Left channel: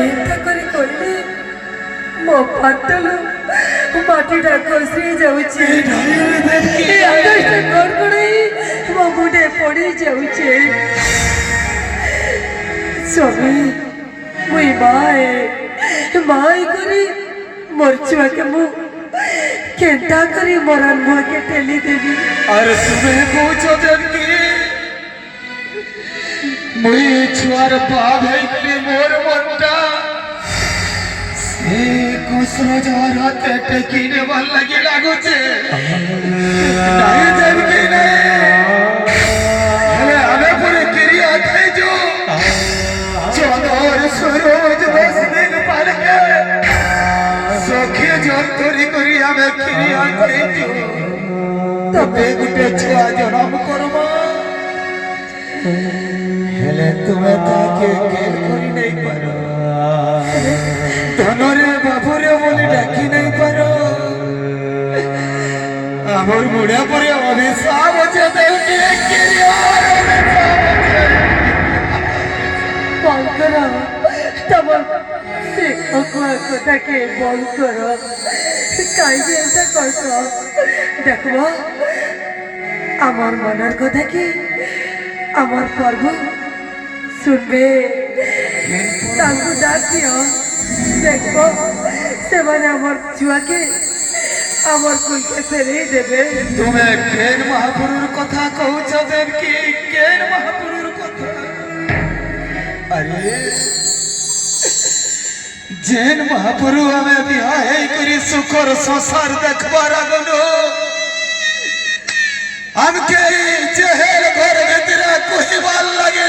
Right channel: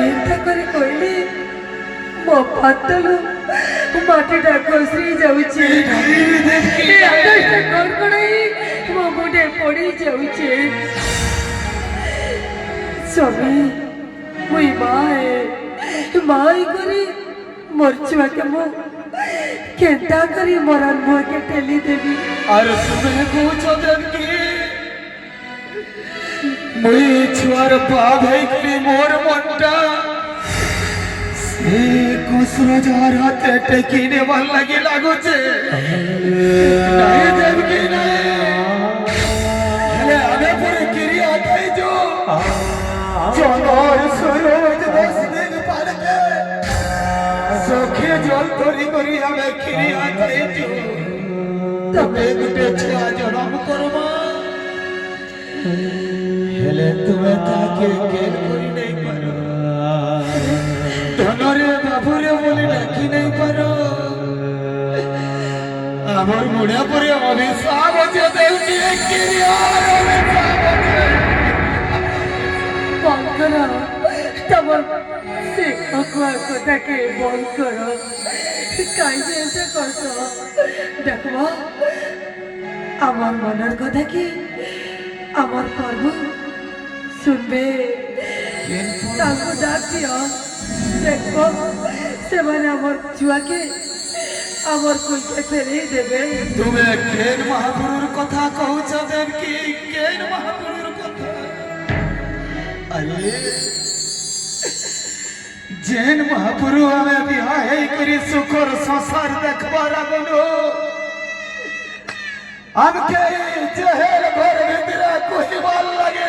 ଏନ୍ତା କରି କହିଲି ମୋ ପାତଲ ମାଟିଟା ଖସି ଯାଉଛି ଆକାଶଟା କଡ଼କଡ଼ାଇ ମୋ ମୁଣ୍ଡେ ପଡ଼ି ଯାଉଛି ସ୍ୱାମୀ ମୁଇଁ ମାଏ କରି मोर छुआ के मु केंता करी मोरन मुह के टेली देवी अरे तुम्हें पूछो जनकी मुई छुआर पा भाई के मोर मोटा से कुसरा जा राते टेकीने वाल लगी लागो छे नहीं जनकी नहीं हले आने पूरे क्रिया थे जो चंदर सरोज बसने पार के सखी जंतरी करी हमें क्रिया थे तबे गुटे छुआ जन्म करमा हेले तुम्हें ताके केल करी नहीं पारो धनरे बाबुरे बोली डाकी नहीं पारो आमर बुढ़िया परे अभिशाप होचे देवकी क्रिया बंकर तब से अखुआ कथा के बंकर काई ऐसा करतो देखबो আমার মনের কথা কি আমার পর্ব শুনবে তাকে ডাকিও দেখবো সেমানে আমার ছুয়াকে আমার কইকে ফেলে দেবে তুমি কেন মহাপুরুর কথা কହୁଛ দেবকি কেন মহাপুরুর কথা अरे जेन महापुरु हमें बिहार करी सुखर संसार देखबार आगनो हमके जहेल घर भीतर कोई बाल लगे